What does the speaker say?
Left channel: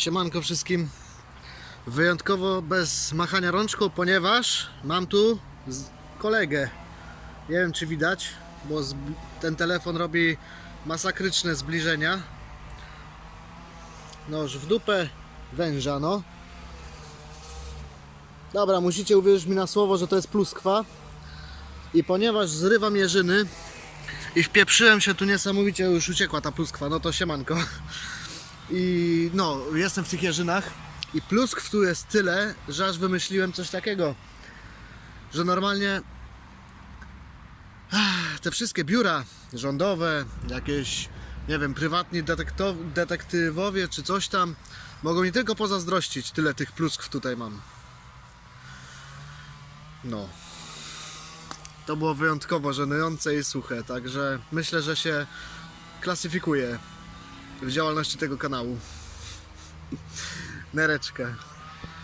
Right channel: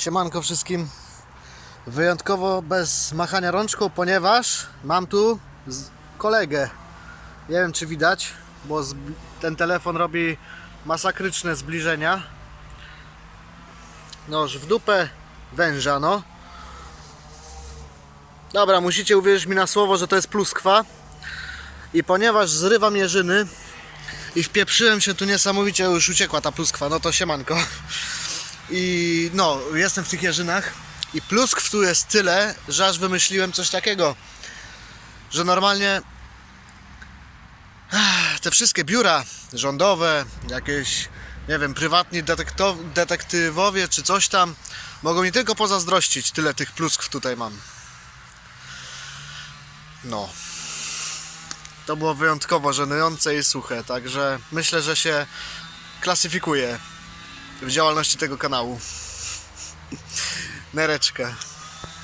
Siemanko wszystkim. Wyjątkowo bez machania rączką, ponieważ mam tu kolegę. Nie wiem czy widać, bo ten telefon robi masakryczne zbliżenia. Noż w dupę węża, no. Dobra, musicie uwierzyć mi na słowo, że to jest pluskwa. I ponieważ zrywam jeżyny i wpieprzyłem się tu niesamowicie, już uciekła ta pluskwa, no to siemanko. I no, jestem w tych jeżynach i pluskw tu jest tyle, że aż wymyśliłem coś takiego, że normalnie ach, te wszystkie biura rządowe, jakieś, nie wiem, prywatni detektywowie czy coś tam, mogą mi tylko pozazdrościć, tyle tych pluskw tutaj mam. No. To było wyjątkowo żenujące i suche, także myślę, że się klasyfikuje w działalności tego kanału. Nereczkę.